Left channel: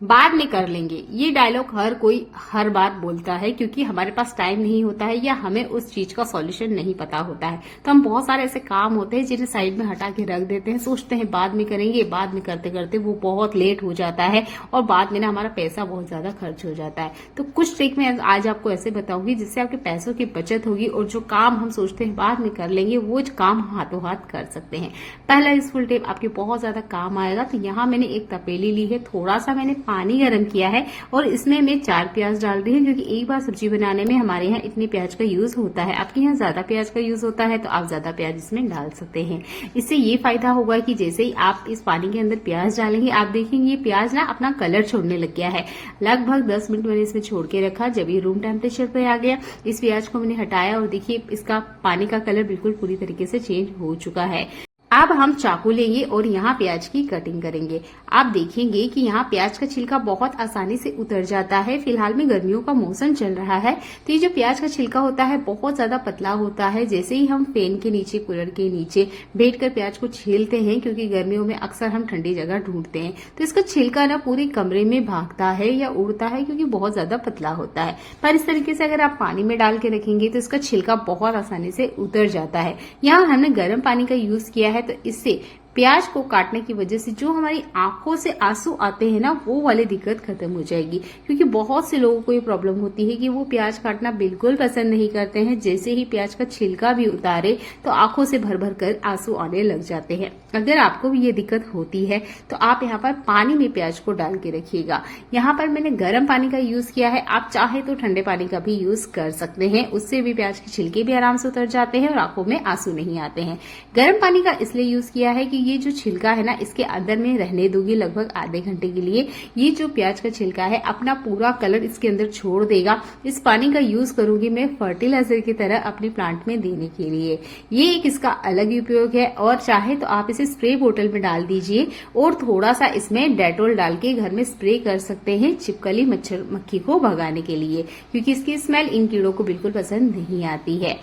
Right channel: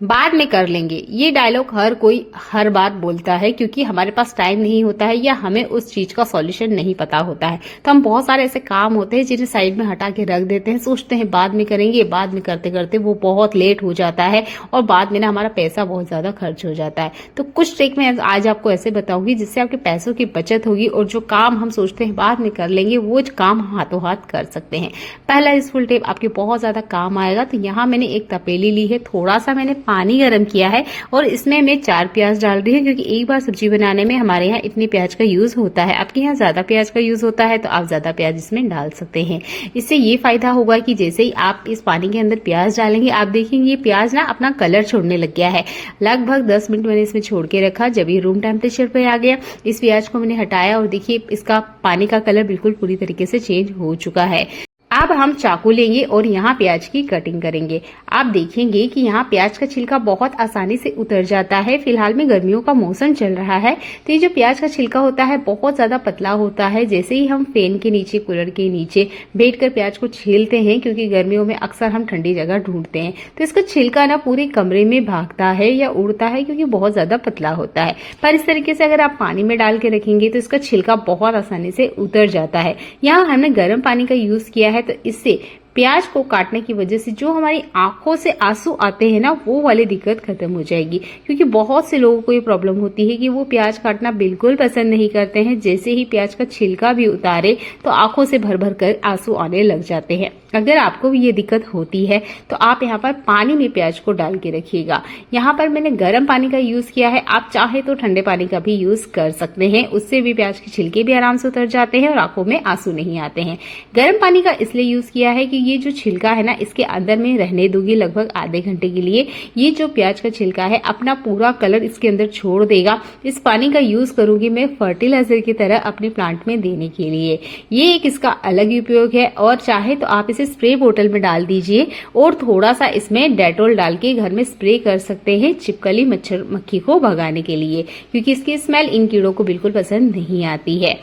बाद में कर लेंगे, ये डायलॉग हर कोई हर बात बोलता है, क्योंकि हमारे पास टाइम नहीं होता है या हमें उस चीज का सॉल्यूशन नहीं पता होता है। तो हम बहुत सारे ऐसे काम होते हैं जिन्हें साइड में हटा के रख देते हैं, सोचते हैं बाद में करेंगे, बाद में करते करते वो बहुत लेट हो जाता है और बाद में ना हमारा पैसा बहुत ज्यादा खर्च हो जाता है। तो कुछ ट्रिक मैं आज आपको ऐसे बताऊंगी जिससे आपके पैसों की बचत होगी और जो काम हम सोचते हैं बाद में कर लेंगे वो काम हाथों हाथ कर सकते हैं। पहला यूजफुल टिप आपके बहुत ज्यादा काम आएगा। तो यहाँ मैंने एक तपेली ली है, थोड़ा सा मैंने पानी गर्म किया है और इसमें मैं 4 प्याज डाल रही हूँ, क्योंकि एक बार सब्जी बनाने में हमारे यहाँ इतने प्याज का यूज होता है। आपके यहाँ ज्यादा प्याज का यूज होता है तो आप ज्यादा प्याज इसमें डाल सकते हैं। इससे ये फायदा होगा कि जैसे ही आप इस पानी के अंदर प्याज डालेंगे, आप देखेंगे ये प्याज ना अपना कलर छोड़ने लग गया है। लगभग 10 मिनट मैंने इसमें छोड़ के रखा। जब ये रूम टेम्परेचर पे आ गया, इस प्याज को मैंने हटाया और देखिए इसका पानी का कलर बिल्कुल पूरी तरीके से चेंज हो चुका है। अब हम चाकू लेंगे और यहाँ प्याज की कटिंग करेंगे। आप देखेंगे कि यहाँ प्याज का छिलका बहुत आसानी से उतर जाता है। फिलहाल में गर्मियों का मौसम चल रहा है तो ये जो प्याज का छिलका होता है बहुत ज्यादा पतला होता है। जैसे ही हम फैन के नीचे, कूलर के नीचे बैठकर प्याज को छीलते हैं, क्योंकि गर्मियों में अक्सर हम ठंडी जगह ढूंढते हैं, तो इसका छिलका ना पूरे कमरे में भागता है या उड़ता है, क्योंकि बहुत ज्यादा पतला होता है। पर इस तरीके से अगर आप पानी में डाल के रखेंगे तो इसका छिलका बहुत आसानी से उतर जाता है। यहाँ हमने गर्म पानी का यूज किया है तो इससे प्याज को काटने की वजह से जो हमारी आंखों से आंसू आते हैं ना, वो वाली दिक्कत खत्म हो जाएगी। क्योंकि बहुत से लोगों को ये प्रॉब्लम होती है कि वो प्याज काटना बिल्कुल पसंद नहीं करते हैं। जैसे ही प्याज का छिलका भी उतारे तो आंखों से भर भर कर आंसू आने लग जाते हैं। अगर आपको भी ये दिक्कत होती है तो आप यहाँ पर पानी में प्याज को डाल के रखिएगा। यहाँ पर मैंने गर्म पानी का यूज किया है, आप चाहे तो ठंडे पानी का भी यूज कर सकते हैं। उससे भी प्याज के छिलके भी आराम से उतर जाते हैं और आंखों में आंसू नहीं आते हैं। गर्म पानी का इसलिए यूज किया है कि ये जो छिलका है ना, इसके अंदर में रहने दूंगी लगभग आधे घंटे के लिए। ये जो प्याज का छिलका है अपना पूरा कलर इसके अंदर छोड़ देगा। इस पानी का यूज करूंगी मैं फर्टिलाइजर की तरह अपने प्लांट में देने के लिए। ये एक इसका अलग उपयोग है। और चाहे तो आप इसे स्प्रे बोतल में डाल दीजिए और थोड़ा सा इसमें डेटॉल डाल के घर में स्प्रे कर सकते हैं छिपकली मच्छर मक्खी को भगाने के लिए, क्योंकि इसकी स्मेल इन कीड़ों को बिल्कुल पसंद नहीं आती है।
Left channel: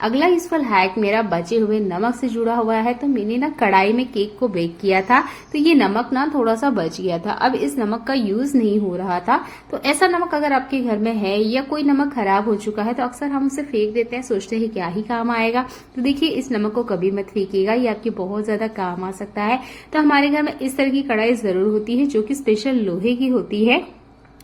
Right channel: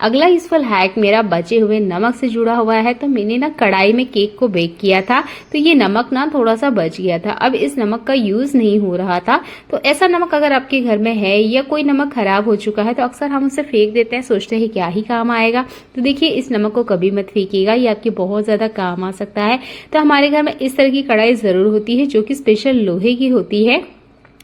अगला यूजफुल हैक मेरा बचे हुए नमक से जुड़ा हुआ है। तो मैंने ना कढ़ाई में केक को बेक किया था तो ये नमक ना थोड़ा सा बच गया था। अब इस नमक का यूज नहीं हो रहा था। तो ऐसा नमक अगर आपके घर में है या कोई नमक खराब हो चुका है तो अक्सर हम उसे फेंक देते हैं, सोचते हैं क्या ही काम आएगा। तो देखिए इस नमक को कभी मत फेंकिएगा, ये आपके बहुत ज्यादा काम आ सकता है। तो हमारे घर में इस तरह की कढ़ाई जरूर होती है जो कि स्पेशल लोहे की होती है।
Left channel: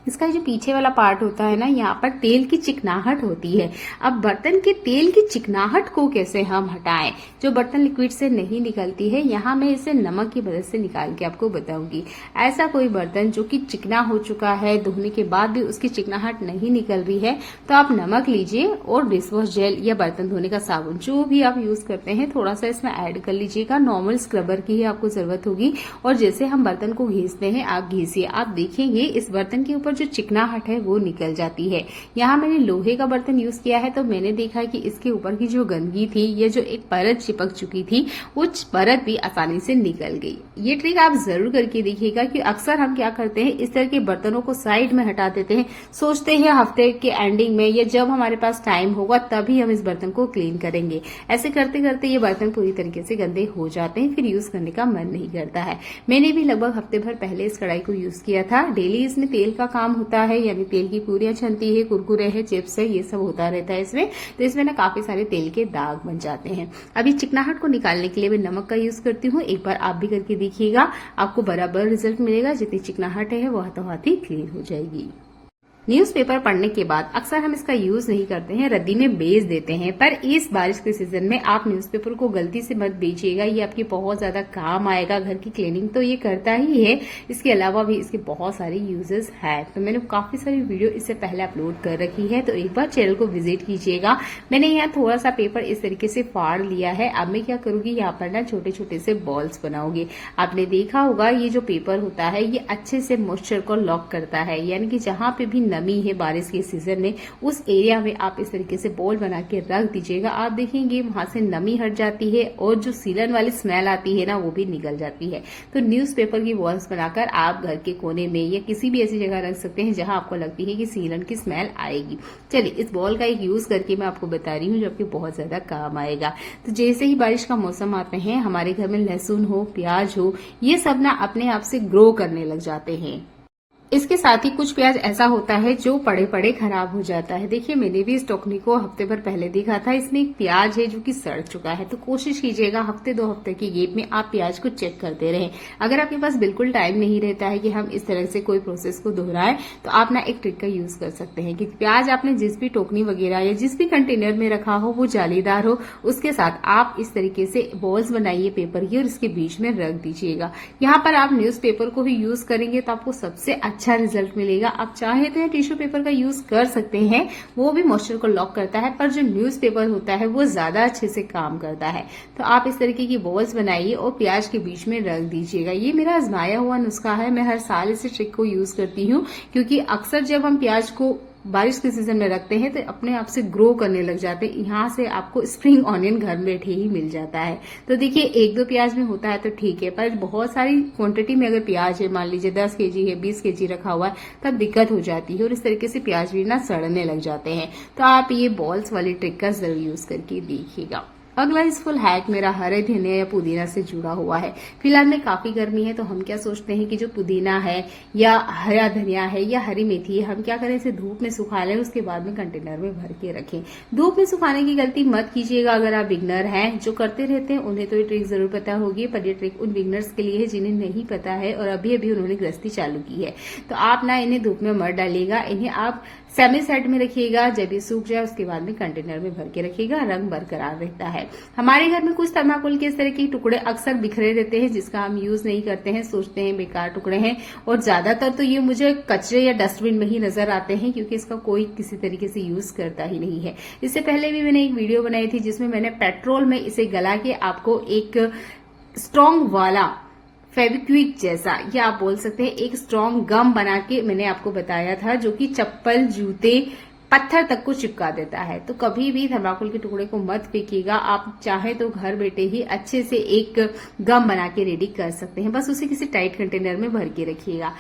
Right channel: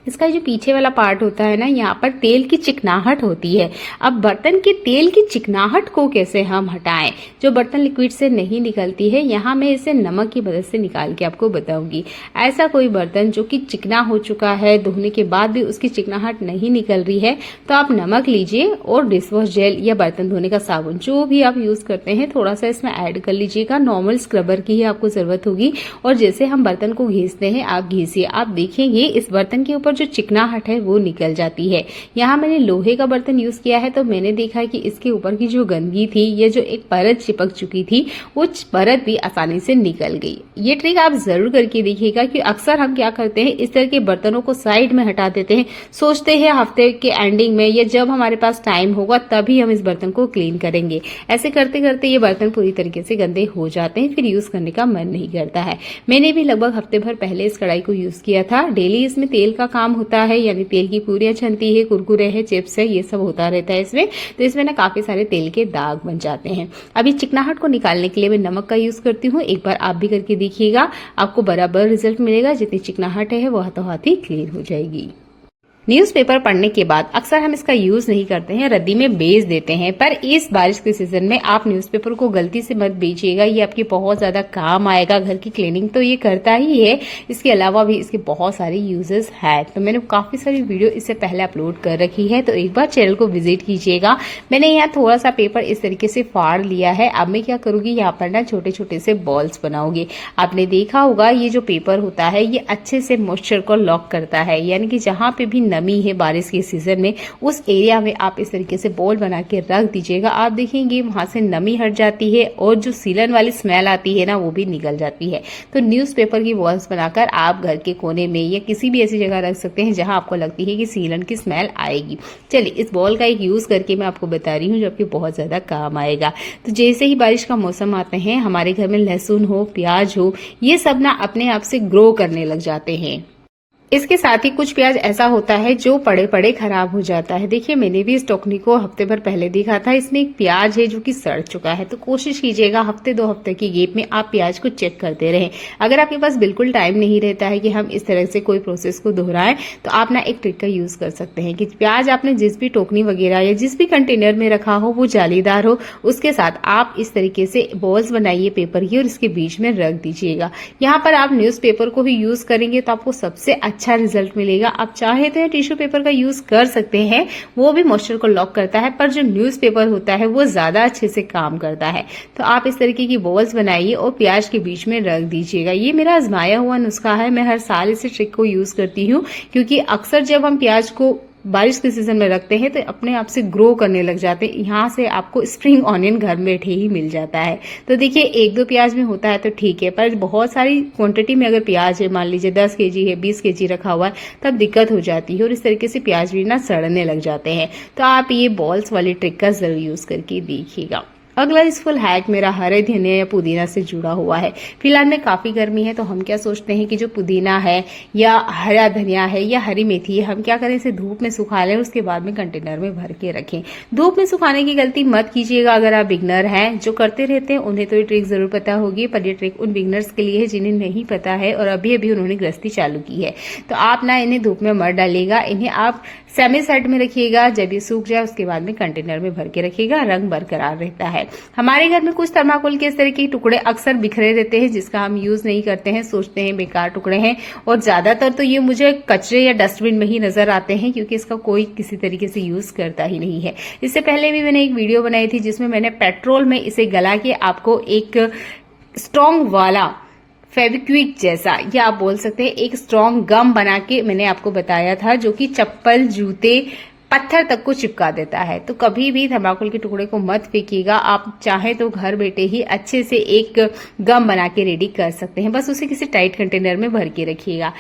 इसका जो पीछे वाला पार्ट होता है ना, यहाँ पर तेल की चिकनाहट होती है। अब बर्तन के तेल की चिकनाहट को कैसे हम हटाएं, जो बर्तन लिक्विड से नहीं निकलती है, यहाँ मैं इसे नमक की मदद से निकाल के आपको बताऊंगी। ऐसा कोई बर्तन जो कि चिकना हो चुका है, धोने के बाद भी उसकी चिकनाहट नहीं निकल रही है, तो आप नमक लीजिए और डिशवॉश जेल या बर्तन धोने का साबुन जो भी आप यूज करते हैं थोड़ा सा इसमें ऐड कर लीजिएगा। नॉर्मल स्क्रबर की ही आपको जरूरत होगी। और जैसे हम बर्तन को घिसते हैं आप घिसिए, आप देखेंगे इस बर्तन के ऊपर जो चिकनाहट है वो निकल जाती है। यहाँ मैंने लोहे का बर्तन यूज किया है तो मैंने देखा कि इसके ऊपर की जो गंदगी थी या जो एक परत चिपक चुकी थी वो परत भी आसानी से निकल गई। ये ट्रिक आप जरूर करके देखिएगा कि अक्सर हम क्या करते हैं, इस तरह के बर्तनों को साइड में हटा देते हैं, सोचते हैं हफ्ते के एंडिंग में या जब हमारे पास टाइम होगा तभी हम इस बर्तन को क्लीन करेंगे। ऐसे करते करते ये बर्तन पूरी तरीके से गंदे हो जाते हैं, फिर यूज करने का मन नहीं करता है। मैंने भी लगभग हफ्ते भर पहले इस कढ़ाई को यूज किया था। डेली इसमें तेल का काम होता है, यानी तेल की पूरियां छनती है, कुरकुरे है, चिप्स है, ये सब होता रहता है इसमें। तो इसमें ना काफी सारे तेल के दाग बन जाते हैं। अभी चिकनाहट को निकालने के लिए मैं नमक का यूज करती हूँ। एक बार आप भी करके देखिएगा, आपको बराबर रिजल्ट मिलेगा। जितनी चिकनाहट है वो हाथों हाथ ही क्लीन हो जाएगी। न्यूज़पेपर पढ़ने के बाद अक्सर हम इसका यूज नहीं करते हैं, रद्दी में बेच देते हैं। पर इस बारिश के सीजन में आप न्यूज़पेपर को गलती से मत बेचिएगा, ये आपके बहुत ज्यादा काम आएगा। घर की क्लीनिंग तो ये करता ही है, इसके अलावा भी इसके बहुत सारे यूजेस हैं। तो मैंने काफी सारी वीडियो इससे पहले अपलोड कर रखी है, तो एक बार चैनल को विजिट कीजिएगा। मैंने यहाँ थोड़ा सा पेपर इस तरीके से फाड़ लिया है। अब मैं क्या करूंगी, यहाँ पर ना छोटे छोटे से बॉल्स बनाऊंगी। आपने देखा होगा ये जो पेपर होता है ये अच्छे से मॉइस्चर को लॉक करता है, यानी कि जहाँ पे भी नमी है बारिश के सीजन में उस एरिया में आप इस तरीके से बॉल बना के रख दीजिएगा। आप देखेंगे वहां से नमी हट जाती है और जो सीलन वाली स्मेल आती है ना वो भी निकल जाती है। तो न्यूज़पेपर की बॉल्स बनाकर आप घर के कोने में या किसी भी ऐसी जगह रख सकते हैं जहां आपको लगती है कि सीलन की स्मेल आएगी। चलिए इस बॉल का एक यूज करके मैं आपको बता रही हूँ जो आपके बहुत ज्यादा काम आएगा। तो जैसे ही बारिश का मौसम आते हैं, हमारे घर में लहसुन हो, प्याज हो, ये सब ना अपने आप से ग्रो करने लग जाते हैं। इसके साथ ही कुछ प्याज ऐसा होता है जो पड़े पड़े खराब हो जाता है। देखिए मैंने भी इस टोकनी को हफ्ते भर पहले देखा था, इसमें एक प्याज है जो कि सड़ चुका है। तो कोशिश कीजिएगा हफ्ते 2 हफ्ते की गैप में आप प्याज को चेक करते रहें। अगर आपके पास बिल्कुल टाइम नहीं रहता है कि हम इस तरह से कोई प्रोसेस को दोहराएं, तो आप ना एक ट्रिक का यूज कर सकते हैं कि प्याज आपने जिस भी टोकनी वगैरह या जिस भी कंटेनर में रखा हो वो जालीदार हो, उसके साथ आप इस तरीके से बॉल्स बनाइए पेपर की और इसके बीच में रख दीजिएगा। यहाँ पर आप न्यूज़पेपर को भी यूज करेंगे तो आपको सबसे अच्छा रिजल्ट मिलेगा। आप चाहे तो टिश्यू पेपर का यूज कर सकते हैं, वो भी मॉइस्चर को लॉक करता है, पर जो न्यूज़पेपर होता है वो ज्यादा अच्छे से काम करता है। तो आप इस तरीके की बॉल्स बनाइए और प्याज के बीच में रख दीजिएगा। ये मेरा आजमाया हुआ नुस्खा है, मैं हर साल इस ट्रिक को यूज करती हूँ, क्योंकि अक्सर जब हम प्याज को बारिश के सीजन में रखते हैं तो अपने आप से ग्रो करने लग जाते हैं। यहाँ से आपको स्प्रिंग ऑनियन घर में बैठे ही मिल जाता है। तो देखिए 1-2 प्याज में होता है तो ठीक है, पर बहुत सारी क्वांटिटी में अगर प्याज है, मान लीजिए 10 केजी है, 20 केजी रखा हुआ है, तब दिक्कत हो जाती है और इस तरीके से प्याज भी ना सड़ने लग जाते हैं। तो आप ये बॉल्स वाली ट्रिक का जरूर यूज करके देखिएगा। अगला यूजफुल हैक मेरा हरे धनिया या पुदीना से जुड़ा हुआ है। फिलहाल में काफी गर्मी है तो हम क्या सोचते हैं कि जो पुदीना है या हरा धनिया है या हरी मेथी है, हम क्या करें, इसे धूप में सुखा लें, उसके बाद में कंटेनर में भर के रखें। धूप में सुखाने की गलती मत कीजिएगा अगर आप बिगनर हैं। जो करते रहते हैं उन्हें तो ये ट्रिक जरूर पता होगी, पर ये ट्रिक उन बिगनर्स के लिए है जिन्हें नहीं पता है और अभी अभी उन्होंने गृहस्थी चालू की है। तो आप ना इन्हें धूप में मत डालिएगा, इन्हें आप सेमी सेट में रखिएगा। जब ये सूख जाए उसके बाद में कंटेनर में भर के रखिएगा, रंग बरकरार रहता है। हमारे घर में कुछ थर्माकोल के इस तरह के टुकड़े अक्सर बिखरे रहते हैं जिसका हम यूज नहीं करते हैं, सोचते हैं बेकार टुकड़े हैं, और ज्यादातर तो ये मुझे कचरे या डस्टबिन में ही नजर आते हैं क्योंकि इसका कोई किसी तरीके से यूज करता ही नहीं है। इससे पहले भी मैंने एक वीडियो बनाई थी जिसमें मैंने पेट्रोल में इसे गला के आपको एक स्ट्रॉन्ग वाला फेविक्विक जैसा, या आप बोल सकते हैं एक स्ट्रॉन्ग गम बना के मैंने आपको बताया था, जो कि चप्पल, जूते, पत्थर तक को चिपका देता है। तो कभी भी थर्माकोल के टुकड़े को मत फेंकिएगा। आप चाहे तो घर बैठे ही अच्छे से एक गम बना के रेडी कर सकते हैं, बस उसे किसी टाइट कंटेनर में भर के रखिएगा।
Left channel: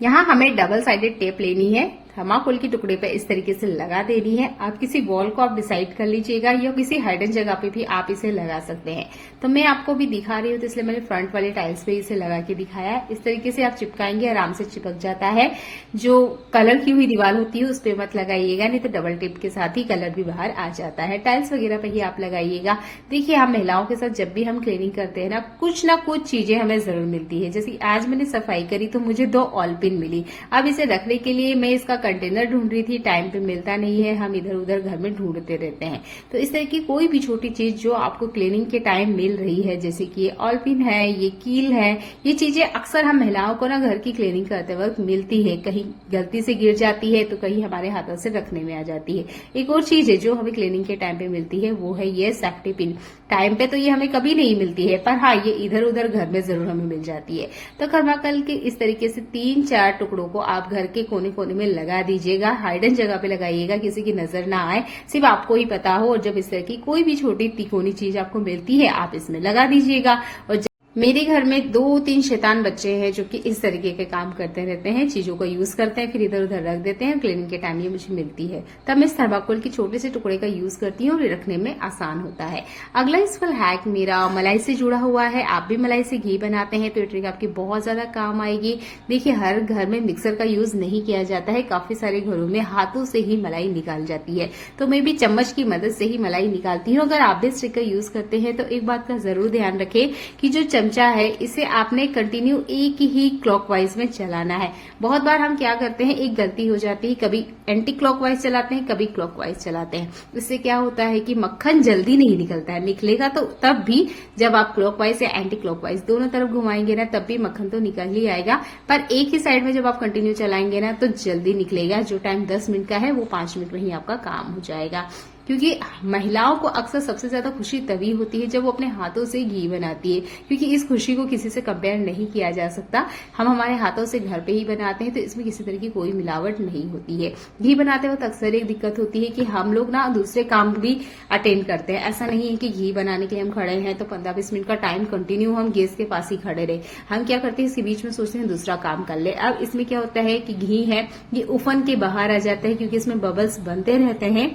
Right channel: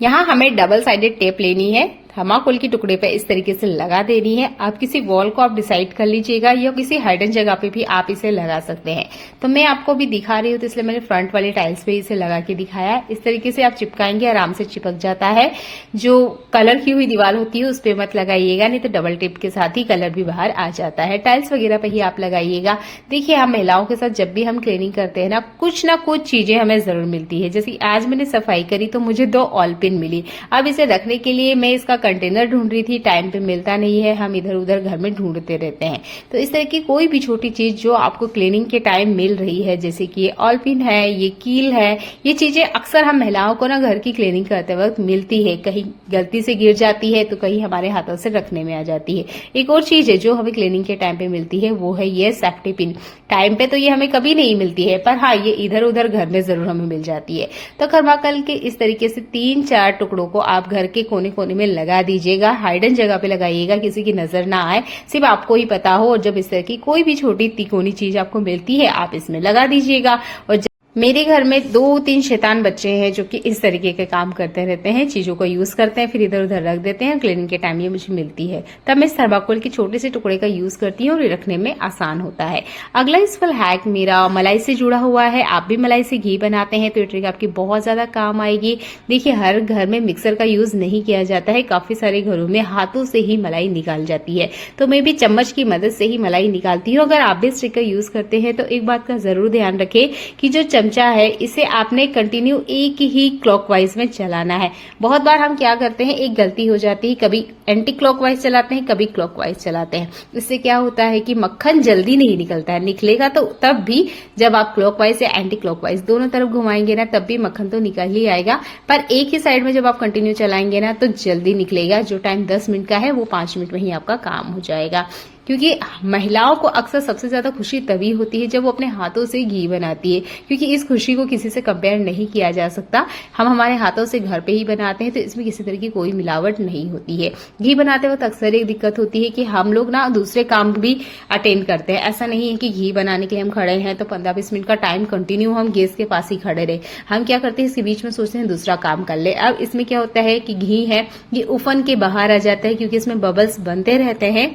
यहाँ हमें डबल साइडेड टेप लेनी है, थर्माकोल के टुकड़े पे इस तरीके से लगा देनी है। आप किसी वॉल को आप डिसाइड कर लीजिएगा या किसी हाइडन जगह पे भी आप इसे लगा सकते हैं। तो मैं आपको भी दिखा रही हूँ तो इसलिए मैंने फ्रंट वाली टाइल्स पे इसे लगा के दिखाया। इस तरीके से आप चिपकाएंगे, आराम से चिपक जाता है। जो कलर की हुई दीवार होती है उस पर मत लगाइएगा, नहीं तो डबल टेप के साथ ही कलर भी बाहर आ जाता है। टाइल्स वगैरह पे ही आप लगाइएगा। देखिए हम महिलाओं के साथ जब भी हम क्लीनिंग करते हैं ना कुछ चीजें हमें जरूर मिलती है। जैसे आज मैंने सफाई करी तो मुझे 2 ऑल पिन मिली। अब इसे रखने के लिए मैं इसका कंटेनर ढूंढ रही थी, टाइम पे मिलता नहीं है, हम इधर उधर घर में ढूंढते रहते हैं। तो इस तरह की कोई भी छोटी चीज जो आपको क्लीनिंग के टाइम मिल रही है, जैसे कि ये ऑल पिन है, ये कील है, ये चीजें अक्सर हम महिलाओं को ना घर की क्लीनिंग करते वक्त मिलती है। कहीं गलती से गिर जाती है तो कहीं हमारे हाथों से रखने में आ जाती है। एक और चीज है जो हमें क्लीनिंग के टाइम पे मिलती है, वो है ये सेफ्टी पिन। टाइम पे तो ये हमें कभी नहीं मिलती है, पर हाँ ये इधर उधर घर में जरूर हमें मिल जाती है। तो थर्माकोल के इस तरीके से 3-4 टुकड़ों को आप घर के कोने कोने में लगा दीजिएगा। हाइडन जगह पे लगाइएगा, किसी की नजर ना आए, सिर्फ आपको ही पता हो। और जब इस तरह की कोई भी छोटी तिकोनी चीज आपको मिलती है आप इसमें लगा दीजिएगा। और मेरे घर में 2-3 शैतान बच्चे हैं जो कि इस तरीके के काम करते रहते हैं, चीजों को यूज करते हैं फिर इधर उधर रख देते हैं। क्लीनिंग के टाइम ये मुझे मिलती है, तब मैं थर्माकोल के छोटे से टुकड़े का यूज करती हूँ और रखने में आसान होता है। अगला यूजफुल हैक मेरा मलाई से जुड़ा हुआ है। आप भी मलाई से घी बनाते हैं तो ये ट्रिक आपकी बहुत ज्यादा काम आएगी। देखिए हर घर में मिक्सर का यूज नहीं किया जाता है, काफी सारे घरों में हाथों से ही मलाई निकाल जाती है। तो मैं भी चम्मच की मदद से ही मलाई निकालती हूँ। अगर आप भी इस ट्रिक का यूज करते हैं तो एक बात का जरूर ध्यान रखें कि जो चमचा है इसे आपने कंटिन्यू एक ही क्लॉकवाइज में चलाना है। बहुत बार हम क्या करते हैं, एक गलती हो जाती है, कभी एंटी क्लॉकवाइज चलाते हैं, कभी क्लॉकवाइज चलाते हैं। इससे क्या होता है कि मक्खन जल्दी नहीं निकलता है, निकलेगा तो तब भी जब आप क्लॉकवाइज या एंटी क्लॉकवाइज दोनों तरफ घुमाएंगे ना, तब भी मक्खन तो निकल ही आएगा। पर एक ही साइड में जब आप कंटिन्यू चलाएंगे ना तो जल्दी निकलेगा। जो टाइम 10 मिनट का है वो 5 मिनट में ही आपका काम हो जाएगा। क्योंकि महिलाओं को अक्सर सबसे ज्यादा खुशी तभी होती है जब वो अपने हाथों से घी बनाती है, क्योंकि इस खुशी को किसी से कंपेयर नहीं किया जा सकता। हम हमारे हाथों से घर पे ही बनाते हैं तो इसमें किसी तरह की कोई मिलावट नहीं होती है। घी बनाते वक्त अक्सर एक दिक्कत होती है कि हम लोग ना दूसरे काम भी अटेंड करते हैं। ऐसा नहीं है कि घी बनाने के लिए हम खड़े हैं तो 15-20 मिनट का टाइम कंटिन्यू हम गैस के पास ही खड़े रहे। हम क्या करते हैं, इसके बीच में सोचते हैं दूसरा काम कर ले। अब इसमें क्या होता है कि घी है ये उफन के बाहर आ जाता है, क्योंकि इसमें बबल्स बनते रहते हैं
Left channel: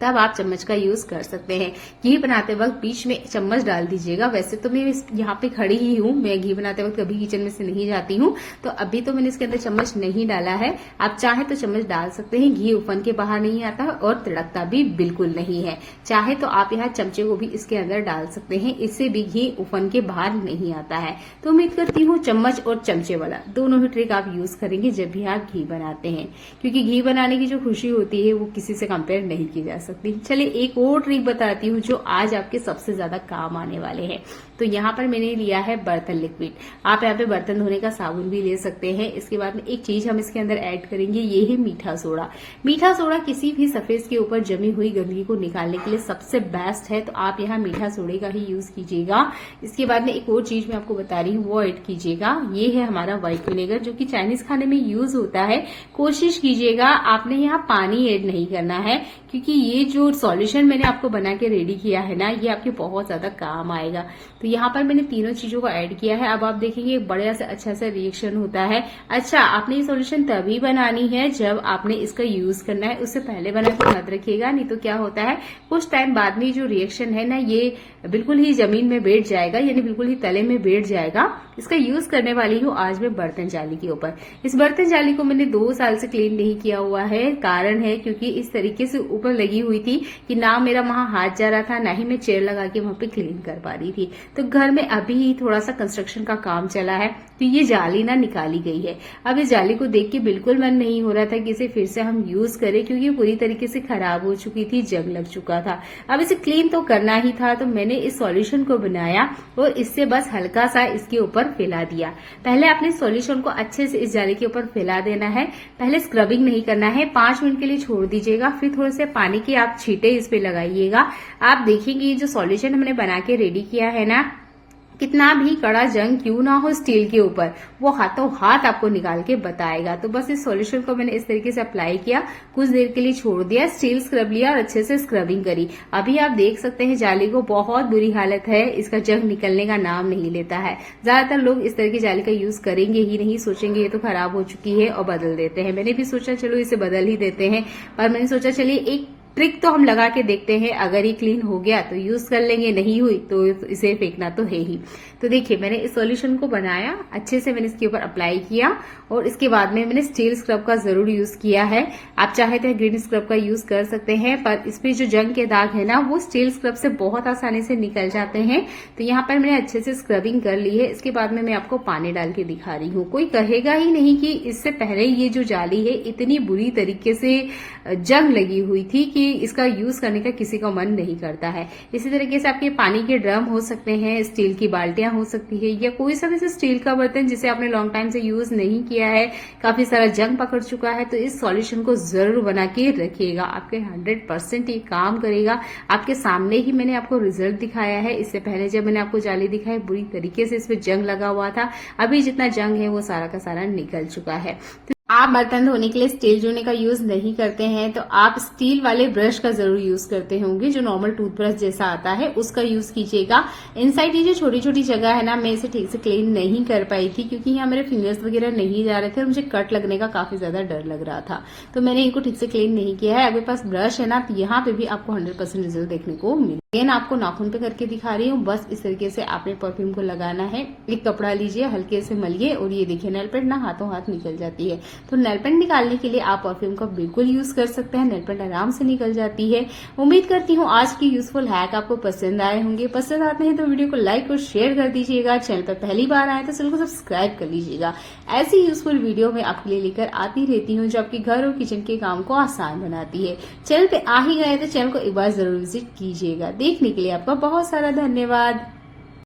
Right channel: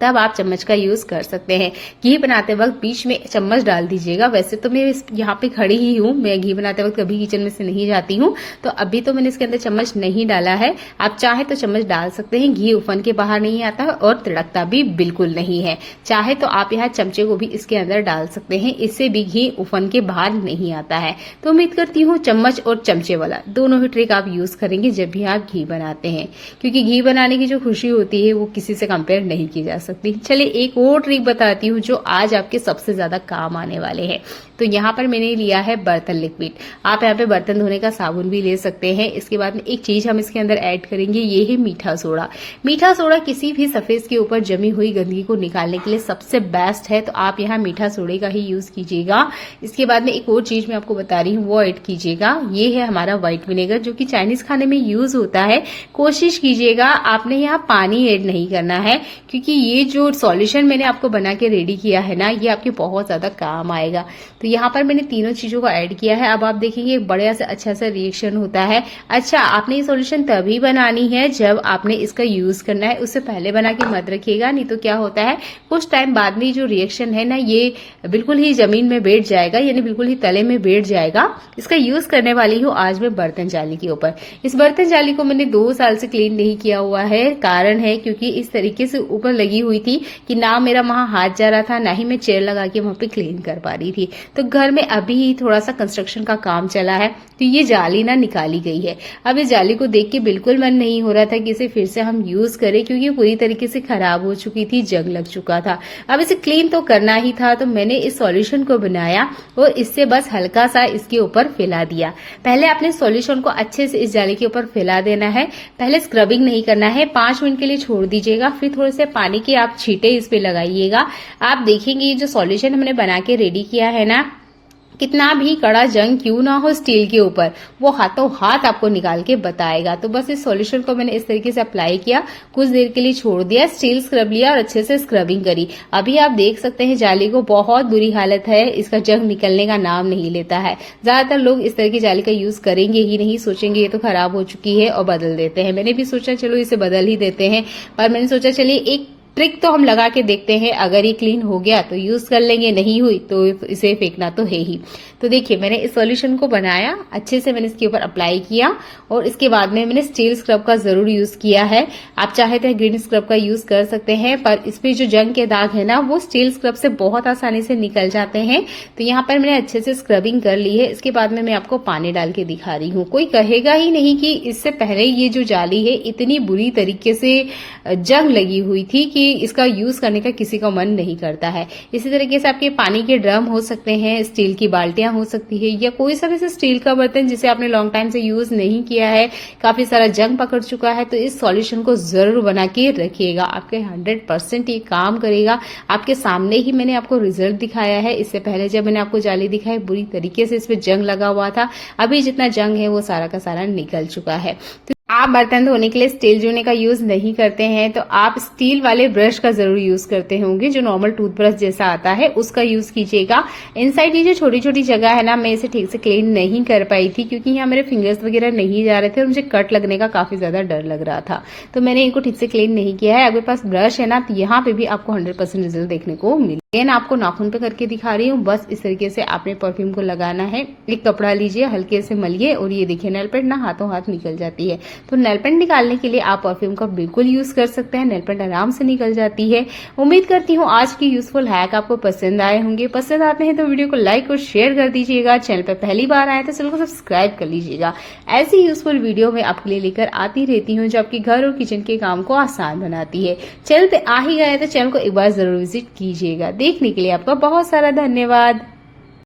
तब आप चम्मच का यूज कर सकते हैं। घी बनाते वक्त बीच में चम्मच डाल दीजिएगा। वैसे तो मैं यहाँ पे खड़ी ही हूँ, मैं घी बनाते वक्त कभी किचन में से नहीं जाती हूँ, तो अभी तो मैंने इसके अंदर चम्मच नहीं डाला है। आप चाहे तो चम्मच डाल सकते हैं। घी उफन के बाहर नहीं आता और तिड़कता भी बिल्कुल नहीं है। चाहे तो आप यहाँ चमचे को भी इसके अंदर डाल सकते हैं, इससे भी घी उफन के बाहर नहीं आता है। तो उम्मीद करती हूँ चम्मच और चमचे वाला दोनों ही ट्रिक आप यूज करेंगे जब भी आप घी बनाते हैं, क्योंकि घी बनाने की जो खुशी होती है वो किसी से कंपेयर नहीं की जा सकती। चलिए एक और ट्रिक बताती हूँ जो आज आपके सबसे ज्यादा काम आने वाले हैं। तो यहाँ पर मैंने लिया है बर्तन लिक्विड। आप यहाँ पे बर्तन धोने का साबुन भी ले सकते हैं। इसके बाद में एक चीज हम इसके अंदर ऐड करेंगे, ये है मीठा सोडा। मीठा सोडा किसी भी सरफेस के ऊपर जमी हुई गंदगी को निकालने के लिए सबसे बेस्ट है, तो आप यहाँ मीठा सोडे का ही यूज कीजिएगा। इसके बाद में एक और चीज मैं आपको बता रही हूँ, वो ऐड कीजिएगा। ये है हमारा व्हाइट विनेगर, जो कि चाइनीज खाने में यूज होता है। कोशिश कीजिएगा आपने यहाँ पानी ऐड नहीं करना है, क्योंकि ये जो सॉल्यूशन मैंने आपको बना के रेडी किया है ना, ये आपके बहुत ज्यादा काम आएगा। तो यहाँ पर मैंने तीनों चीजों को ऐड किया है। अब आप देखेंगे बढ़िया से अच्छा सा रिएक्शन होता है। अच्छा, आपने ये सॉल्यूशन तभी बनानी है जब आपने इसका यूज करना है, उससे पहले बना के मत रखिएगा, नहीं तो क्या होता है कुछ टाइम बाद में जो रिएक्शन है ना, ये बिल्कुल ही जमीन में बैठ जाएगा, यानी बिल्कुल ही तले में बैठ जाएगा। इसका यूज करने वाली हूँ आज मैं बर्तन जाली के ऊपर। इस बर्तन जाली को मैंने 2 साल से क्लीन नहीं किया हुआ है। कारण है क्योंकि इस तरीके से ऊपर लगी हुई थी कि ना मेरा वहां हाथ जा रहा था, ना ही मैं चेयर लगा के वहां पे क्लीन कर पा रही थी। तो घर में अभी थोड़ा सा कंस्ट्रक्शन का काम चला है, तो ये जाली ना निकाली गई है। अब इस जाली को देख के बिल्कुल मन नहीं हो रहा था कि इसे फिर से हम यूज करें, क्योंकि ये पूरी तरीके से खराब हो चुकी थी, जंग लग चुका था। अब इसे क्लीन तो करना ही था, तो मैंने इस सॉल्यूशन को बनाया और इससे बस हल्का सा इसके ऊपर फैला दिया। पहले आपने सॉल्यूशन को अच्छे से इस जाली के ऊपर फैला देना है। पहले स्क्रबिंग नहीं करना है, 5 मिनट के लिए छोड़ दीजिएगा, फिर थोड़े से पानी के आप छींटे इस पे लगाइएगा। आप देखेंगे ये जो सॉल्यूशन हमने बना के रेडी किया है ना, कितना भी कड़ा जंग क्यों ना हो स्टील के ऊपर, वो हाथों हाथ आपको निकाल के बताएगा। तो बस इस सॉल्यूशन को मैंने इस तरीके से अप्लाई किया, कुछ देर के लिए छोड़ दिया, स्टील स्क्रब लिया और अच्छे से स्क्रबिंग करी। अभी आप देख सकते हैं जाली को बहुत बुरी हालत है, इसका जंग निकलने का नाम नहीं लेता है। ज्यादातर लोग इस तरह की जाली का यूज करेंगे ही नहीं, सोचेंगे ये तो खराब हो चुकी है और बदल देते हैं। मैंने भी सोचा चलो इसे बदल ही देते हैं, पर मैंने सोचा चलिए एक ट्रिक तो हम लगा के देखते हैं, अगर ये क्लीन हो गया तो यूज कर लेंगे, नहीं हुई तो इसे फेंकना तो है ही। तो देखिए मैंने इस सॉल्यूशन को बनाया, अच्छे से मैंने इसके ऊपर अप्लाई किया और इसके बाद में मैंने स्टील स्क्रब का जरूर यूज किया है। आप चाहे तो ग्रीन स्क्रब का यूज कर सकते हैं, पर इसमें जो जंग के दाग है ना, वो स्टील स्क्रब से बहुत आसानी से निकल जाते हैं। तो यहाँ पर मैंने अच्छे से स्क्रबिंग कर ली है। इसके बाद में मैं आपको पानी डाल के दिखा रही हूँ। कोई कहेगा ही नहीं कि इससे पहले ये जो जाली है इतनी बुरी तरीके से जंग लगी हुई थी कि इसका यूज करने का किसी का मन नहीं करता है। इसी तरीके से आपके पानी के ड्रम हो सकते हैं, स्टील की बाल्टियां हो सकती है, या कोई सा भी स्टील का बर्तन जिसे आपने लॉन्ग टाइम से यूज नहीं किया है, काफी सारा जंग पकड़ चुका है, तो इस सॉल्यूशन को जरूर बना के रखिएगा। आपके 100% ये काम करेगा। आपके सामने ही मैंने आपको रिजल्ट दिखाया है। इससे पहले जब मैंने आपको जाली दिखाई, बुरी तरीके से इसमें जंग लगा हुआ था। अभी जितना जंग है वो सारा का सारा निकल चुका है। आप बर्तन धोने के लिए स्टील जूने का यूज नहीं करते हैं, तो आप स्टील वाले ब्रश का जरूर यूज करते होंगे, जो नॉर्मल टूथब्रश जैसा आता है, उसका यूज कीजिएगा। इनसाइड ये जो छोटी छोटी जगह है ना, मैं इसे ठीक से क्लीन नहीं कर पाई थी, क्योंकि यहाँ मेरे फिंगर्स वगैरह नहीं जा रहे थे और मुझे कट लगने का काफी ज्यादा डर लग रहा था, तो मैंने इनको ठीक से क्लीन नहीं किया है। अगर पास ब्रश है ना, तो यहाँ पे भी आपको 100% रिजल्ट देखने को मिले। आपको नाखून पे करके दिखा रही हूँ। बस इस तरीके से आपने परफ्यूम को लगाना है। एक कपड़ा लीजिए, हल्के से मलिए और ये देखिए नेल पेंट ना हाथों हाथ निकल जाती है। तो नेल पेंट निकालने के लिए आप परफ्यूम का बिल्कुल यूज कर सकते हैं, नेल पेंट आराम से निकल जाती है। उम्मीद करती हूँ आज की यूजफुल हैक आपको पसंद आए होंगे। पसंद आते हैं तो वीडियो को लाइक और शेयर कर दीजिएगा। चैनल पर पहली बार आए तो चैनल को सब्सक्राइब कर लीजिएगा। ऐसी यूजफुल वीडियो मैं आपके लिए लेकर आती रहती हूँ, जो आपके घर और किचन के काम को आसान बनाती है। चैनल पे आ ही गए तो चैनल को एक बार जरूर विजिट कीजिएगा। देखने के लिए आपका बहुत सारा धन्यवाद।